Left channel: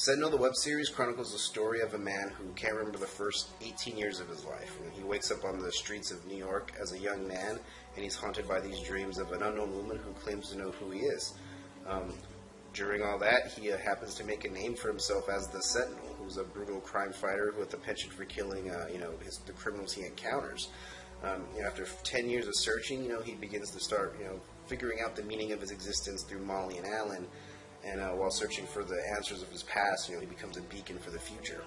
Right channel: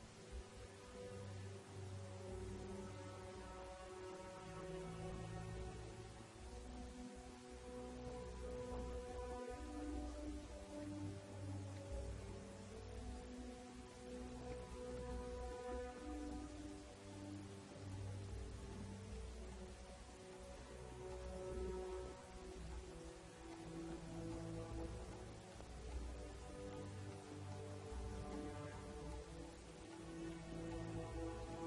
Sentinel, the web series, chronicles the story of a man who can't remember the first 18 years of his life. And he wakes up on the streets of New York as a young man, and he's haunted by these dreams of an unknown woman who claims to know who he is. During all that, he happens to make a name for himself as the Sentinel, who's a brutal crime fighter with a penchant for killing, the criminals he encounters. After 10 years of searching, he begins to start, figuring out the meaning of his existence through Molly and Alan. And while searching for the answers of his past, he becomes a beacon for the future.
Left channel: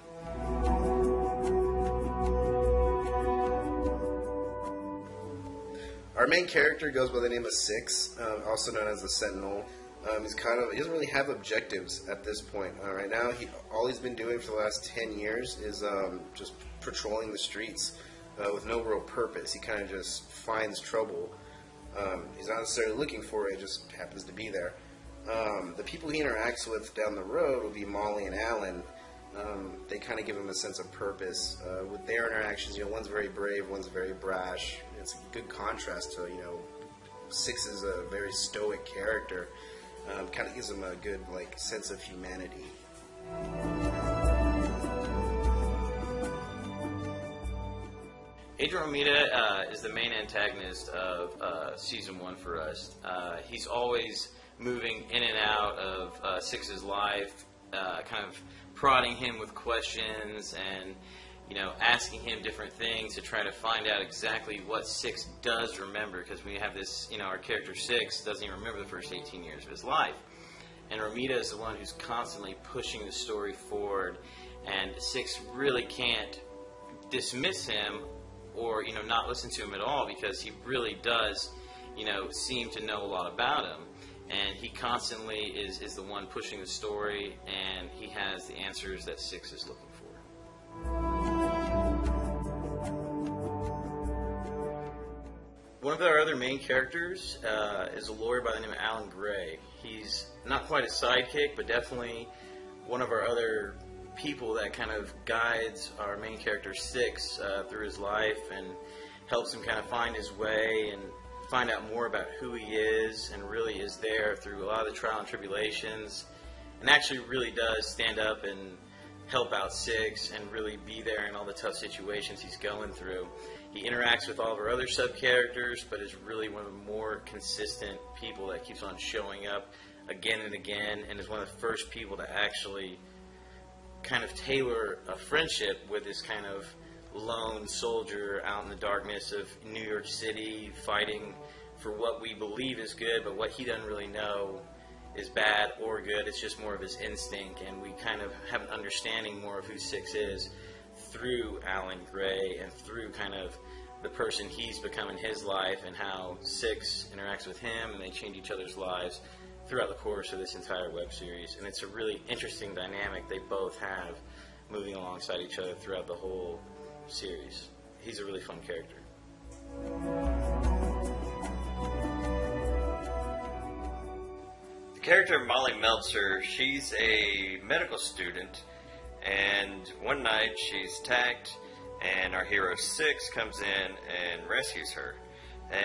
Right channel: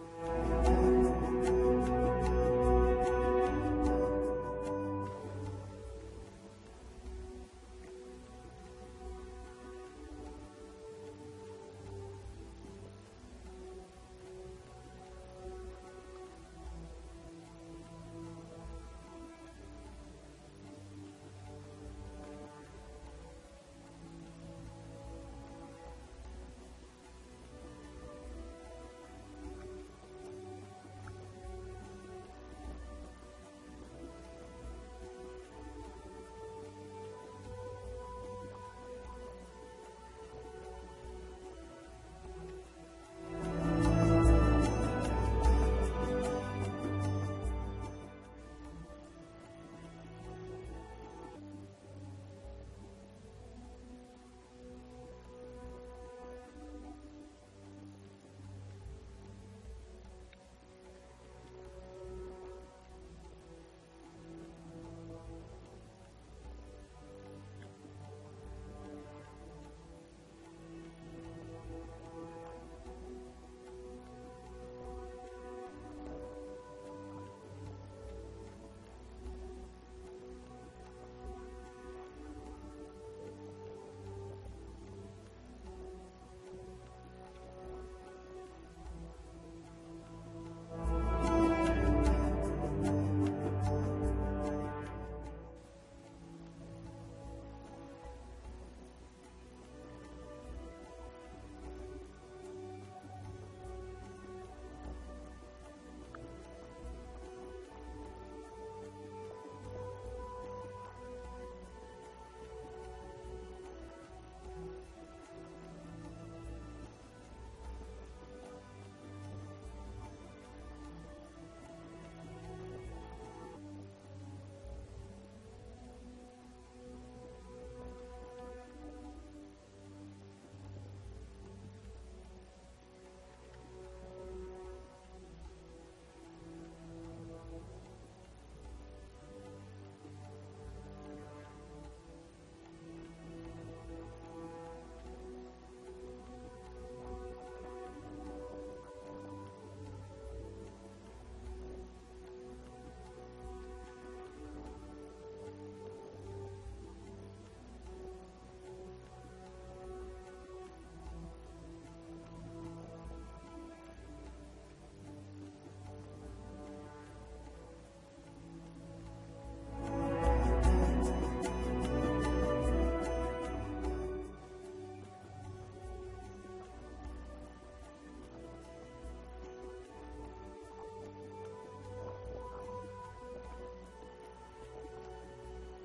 Our main character goes by the name of Six, also known as the Sentinel. He doesn't really have objectives at this point. Right now, all he's been doing for the last 10 years is just patrolling the streets with no real purpose. He kind of just finds trouble. He's not necessarily looking for it; it just happens to be there. The people he interacts with down the road will be Molly and Alan. They kind of give him a sense of purpose. With their interactions, one's very brave, one's very brash. It's a good contrast to, Six is a very stoic character. Kind of gives him a good, sense of humanity. Adrian Romita is the main antagonist of Season 1 for us. He's always moving in and out of Six's life, kind of prodding him with questions and, asking him different things to try to find out exactly what Six does remember, because we have this, our character Six doesn't even remember the first 18 years of his life. And Romita is the one who's constantly pushing the story forward, and Six really can't dismiss him or, not listen to him at all, because he really does, seem to know a lot about him. And he constantly is the one pushing the story, and he has the answers that Six is looking for. One of our other main characters is a lawyer by the name of Alan Gray. He's not quite a sidekick, but definitely one of our other people that kind of guides our main character Six through his life and helps him kind of find his way and find out more about who he is, and really is there through a lot of the trial and tribulations, and actually really does stand up and help out Six and really be there in all the tough situations he's going through. He interacts with all of our other sub-characters, but is really one of the more consistent people that keeps on showing up again and again, and is one of the first people to actually kind of tailor a friendship with this kind of lone soldier out in the darkness of New York City, fighting for what we believe is good, but what he doesn't really know is bad or good. It's just more of his instinct, and we kind of have an understanding more of who Six is through Alan Gray and through kind of the person he's become in his life, and how Six interacts with him, and they change each other's lives throughout the course of this entire web series. And it's a really interesting dynamic they both have moving alongside each other throughout the whole series. He's a really fun character. The character of Molly Meltzer, she's a medical student, and one night she's attacked, and our hero Six comes in and rescues her.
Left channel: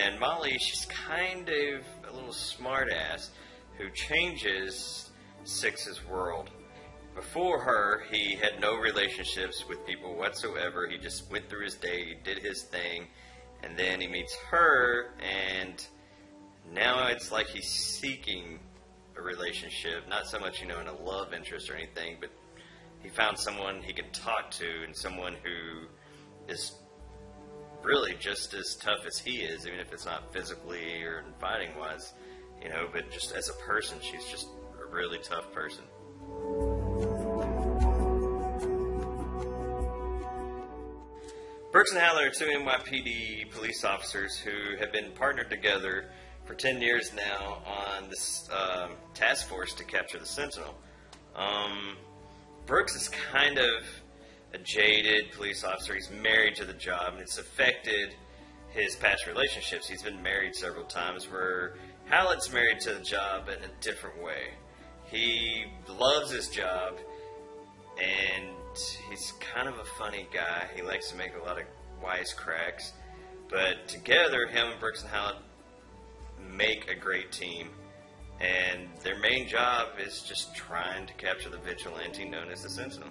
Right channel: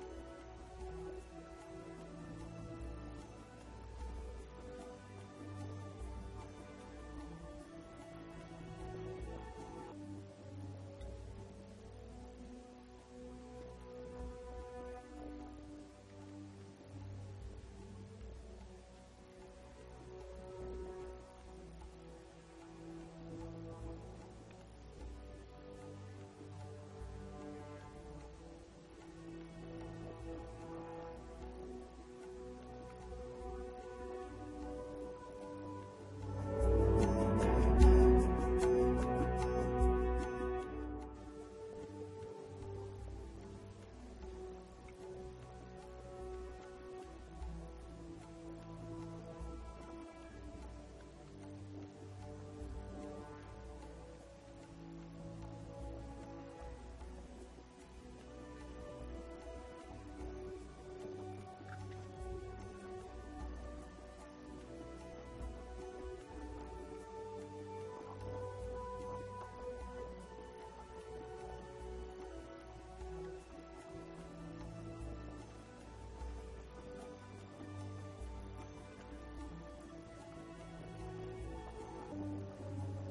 And Molly, she's kind of a little smartass who changes Six's world. Before her, he had no relationships with people whatsoever. He just went through his day, did his thing, and then he meets her, and now it's like he's seeking a relationship. Not so much, in a love interest or anything, but he found someone he can talk to, and someone who is really just as tough as he is, even if it's not physically or fighting-wise, but just as a person, she's just a really tough person. Brooks and Haller are two NYPD police officers who have been partnered together for 10 years now on this task force to capture the Sentinel. Brooks is kind of a jaded police officer. He's married to the job, and it's affected his past relationships. He's been married several times, where Hallett's married to the job in a different way. He loves his job, and he's kind of a funny guy. He likes to make a lot of wisecracks. But together, him and Brooks and Hallett make a great team. and their main job is just trying to capture the vigilante known as the Sentinel.